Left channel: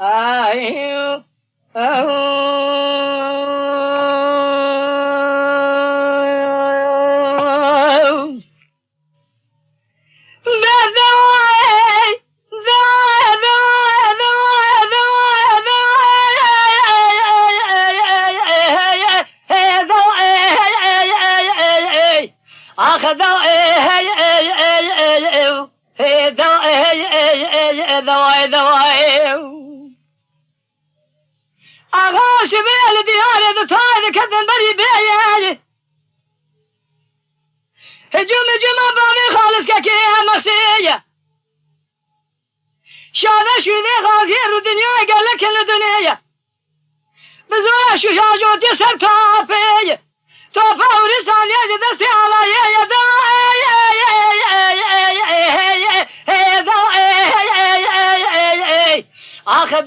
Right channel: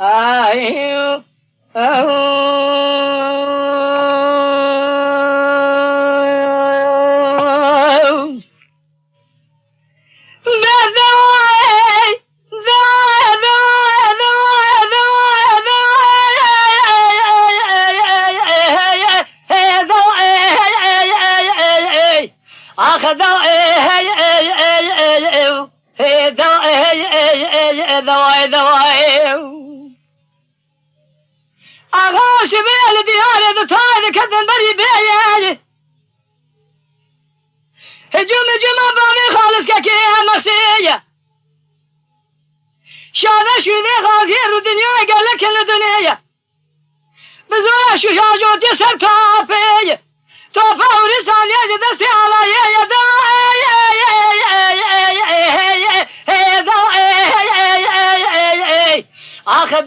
أيوه أغاش بلدي هذا طاير كذا بري بياي هجوم بامي خالص كاكي مسيا شاذا شو ذي غازير الدنيا قال لك الدنيا بزولا شو شاجو تسر طافي طافا ورسان يجد على يدا آخر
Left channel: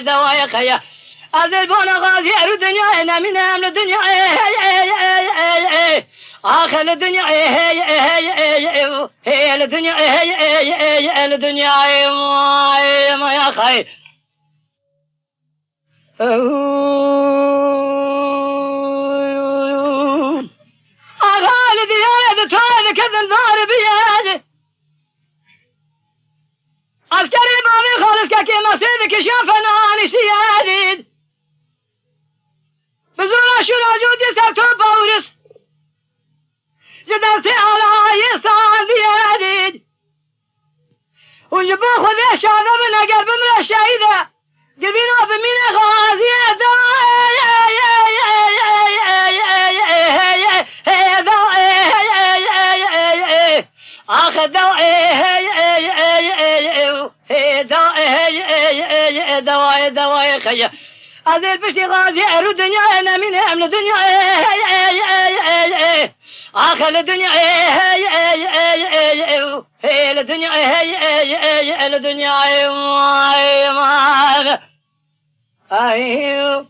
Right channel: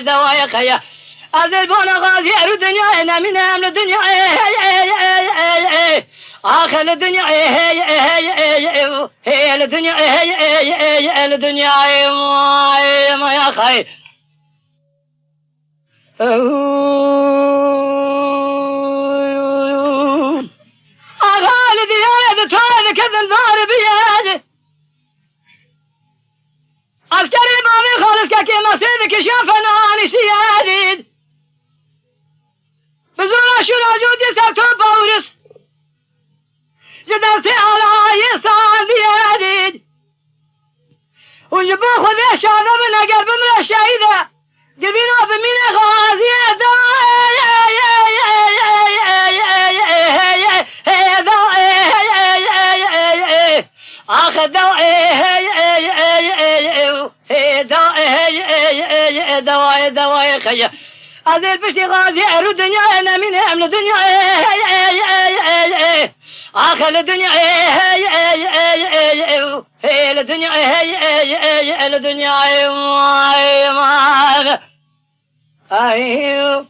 دواء خيا أذبون غازي الدنيا أنا من أمن الدنيا آخر الدنيا هي الدنيا الدنيا ما يا خي أغالي ديالي طاير كذا النار بيالي عسكري مامي خالص كاكي مسيدك شافنا عن سيادي بزولا شو راجودي ساتو بورس جدرتي على يسان ديالي ونجبو خذي شاذا من قلب من الشهيدة جبينا بمين غازي آخر دواء خيا هذا بشي غازي الدنيا أنا من أمن الدنيا آخر الدنيا الدنيا أيوه